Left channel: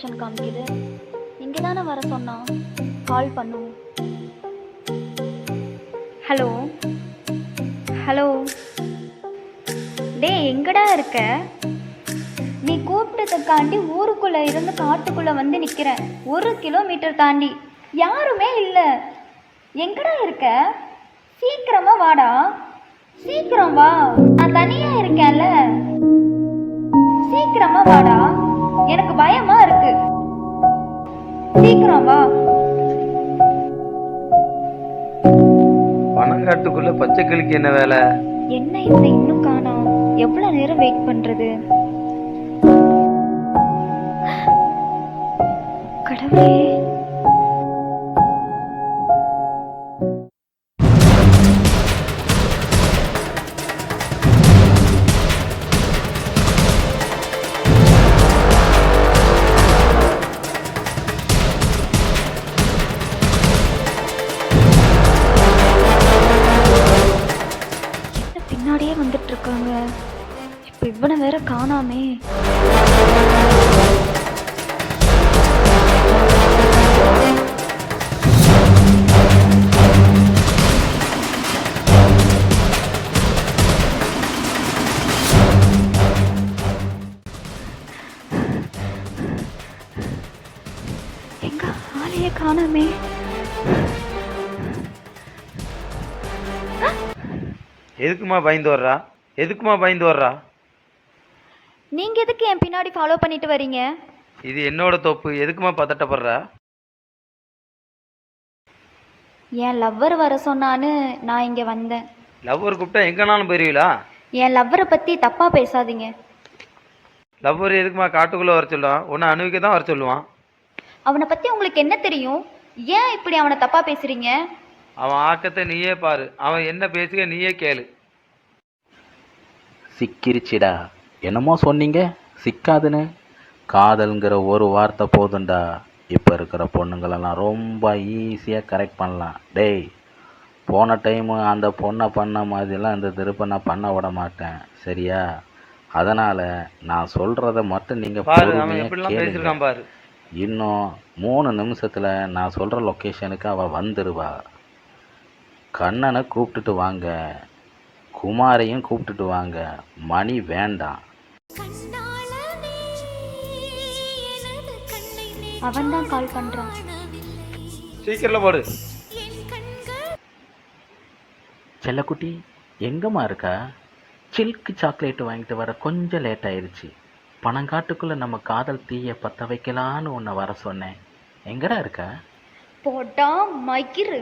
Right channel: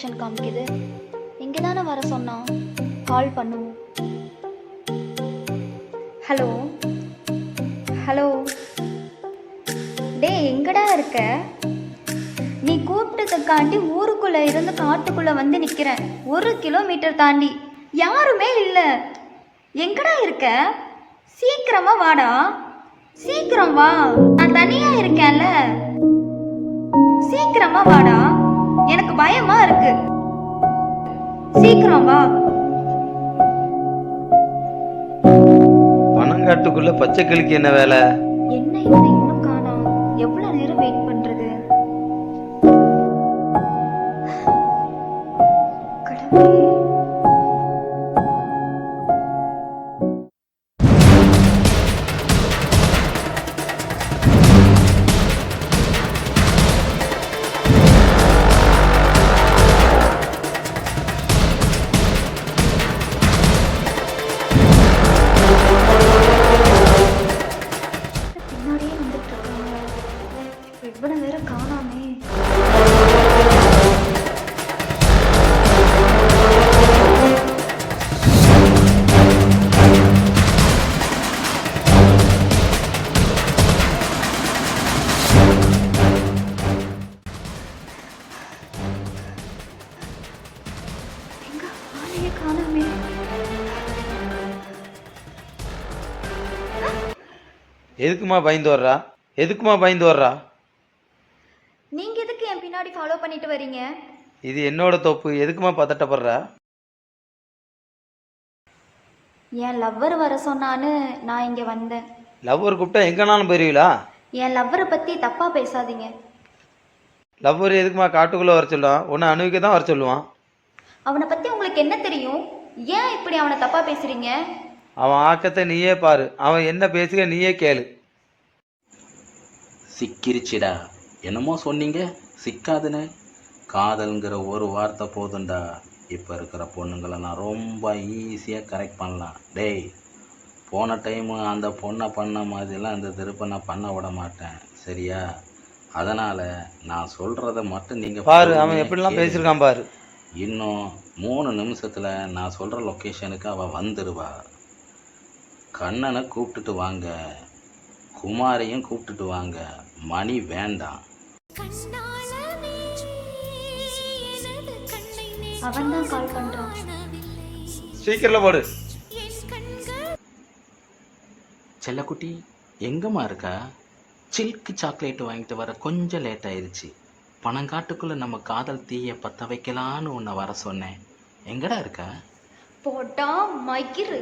Location காமிக்குது. இங்கே தானே வர சொன்னான். கால் பண்ணுவோம். ஹலோ ஹலோ, டே எங்கடா இருக்க? நீ கூப்பிட்டதுக்காண்டி ஊருக்குள்ளே இருந்து காட்டுக்குள்ளே வந்து நிற்கிறேன். 1 கிலோமீட்டர் தாண்டி யாருமே இல்லை. எங்கடா இருக்க? சீக்கிரமா வாடா, சீக்கிரம் வா. நான் தனியா இருக்கேன்ல, சீக்கிரமா வாடா. எனக்கு பயமா இருக்கு. சீக்கிரம் வா. பனங்காட்டுக்குள்ள பச்சை கிளிக்கு என்ன வேலை? என்ன இவனை இன்னும் காணோம்? எவ்வளவு நேரம் வெயிட் பண்றது? கடவுளே, பின்னாடியே வந்துட்டு இருக்காங்க. இப்ப இவனை வேற காணாமே. எங்க ஆளையே காணாமே. எதுக்குமா பயந்து வர்றா? எதுக்குமா பயந்து வர்றா? நீங்க எதுக்கு என் பின்னாடி ஃபாலோ பண்ணிட்டு வரீங்க? இது என்னோட தோப்பு, எதுக்குமா பதட்டப்படுறா? என் லவ்வர் வர சொன்னான்னு நான் இங்க வந்தேன். லவ்வர் கூப்பிட்டா எங்கனாலும் போயிருவீங்களா? என் லவ்வரை பத்தி தப்பா பேசாதீங்க. லவ்வர் எதுக்குமா காட்டுக்குள்ளே வர சொல்லுவான்? உன்னை அணுவிக்க தான் வர சொல்லுவான். அவனை பத்தி உங்களுக்கு என்ன தெரியும்? ஏன் இப்படி அவனை தப்பா பேசுறீங்க? அவன் ஆக்கத்தை நீயே பாரு, அவன் என்ன பேசுக நீயே கேளு. சிக்கிருச்சிடா. என்னமோ சொன்னீங்க சிக்காதுன்னு. காதல்ங்கிற ஒரு வார்த்தை போதுண்டா, இப்போ இருக்கிற பொண்ணுங்களெல்லாம் ரொம்ப ஈஸியாக கரெக்ட் பண்ணலாம். டேய், போன டைமு அந்த பொண்ணை பண்ண மாதிரிலாம் இந்த திருப்ப நான் பண்ண விட மாட்டேன், சரியா? அதனால் நான் சொல்கிறத மட்டும் நீங்கள் பாரு அவன் எப்படிலாம் பேசியிருக்கான் பாரு. இன்னும் 3 நிமிஷத்தில் நான் சொல்கிற லொக்கேஷனுக்கு அவள் வந்துடுவா. கண்ணனை கூப்பிட்டுட்டு வாங்க, குமாரையும் கூப்பிட்டுட்டு வாங்க. மணி வேண்டாம். அவன் தான் கால் பண்றான். சீக்கிரம் போடு. செல்லக்குட்டி எங்கம்மா இருக்கா? சில்க் சாக்லேட் வாங்கிட்டு வர கொஞ்சம் லேட் ஆயிடுச்சு. பனங்காட்டுக்குள்ளே நம்ம காதல் தீயை பற்ற வைக்கலான்னு உன்னை வர சொன்னேன். எங்கடா இருக்கா? போடா மகிரு.